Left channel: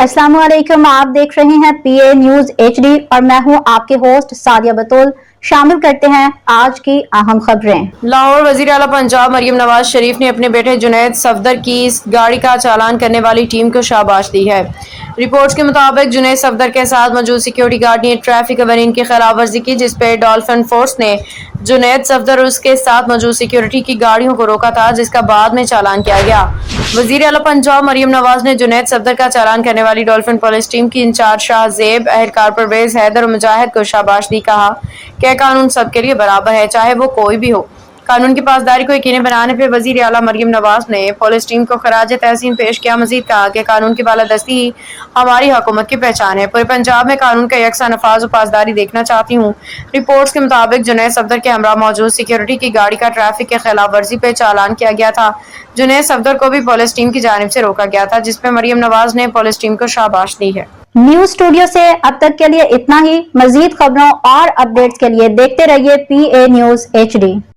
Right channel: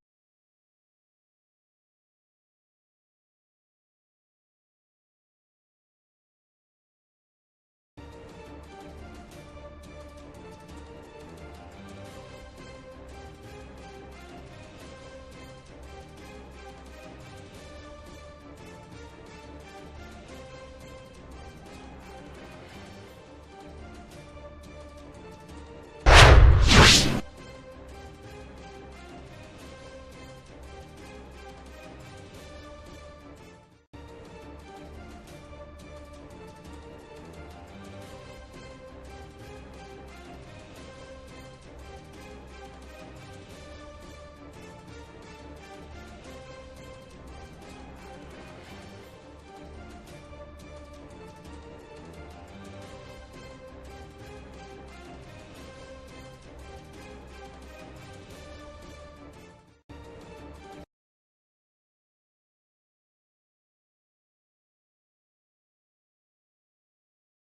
अस्सलाम वालेकुम, आप देख रहे हैं पीए न्यूज एचडी और मैं हूं आपके होस्ट सादिया बतूल। शामिल करते हैं आज की अहम खबरें। लाहौर वजीर आला पंजाब मरियम नवाज शरीफ ने अपने बेटे जुनैद सफदर की गाड़ी का चालान करने वाली टीम को शाबाश दी है। रिपोर्ट्स के मुताबिक जुनैद सफदर के साथ मौजूद सिक्योरिटी गार्ड ने ट्रैफिक कवानीन की खिलाफ वर्जी की, जिस पर डॉल्फिन फोर्स ने जुनैद सफदर और उसके साथ मौजूद सिक्योरिटी की गाड़ियों को रोका था, जिसका बाद में चालान किया गया। वजीर आला पंजाब मरियम नवाज ने जुनैद सफदर का चालान करने वाली डॉल्फिन पुलिस टीम की इंचार्ज शाह जेब, एहलकार परवेज हैदर और मुजाहिद को शाबाश दी। कहा कि कानून सबके लिए बराबर है, चाहे वो कोई भी हो। कानून की पासदारी को यकीनी बनाने पर वजीर आला मरियम नवाज ने पुलिस टीम को खराज तहसीन पेश किया। मजीद कहा कि कानून की बालादस्ती ही हमारी हुकूमत की पहचान है। पूरे पंजाब में कानून का यकसा नफाज और पासदारी देखना चाहती हूँ। रिपोर्ट्स के मुताबिक जुनैद सफदर के हमरा मौजूद सिक्योरिटी की गाड़ी का ट्रैफिक के खिलाफ वर्जी पे चालान किया गया था। जुनैद सफदर को भी पुलिस टीम की जानिब से रोका गया था, जिसपे मरियम नवाज ने पुलिस टीम को शाबाश दी है। न्यूज स्टूडियो से अब तक के लिए इतना ही। मजीद खबरों और अपडेट्स के लिए देखते रहिए पीए न्यूज एचडी।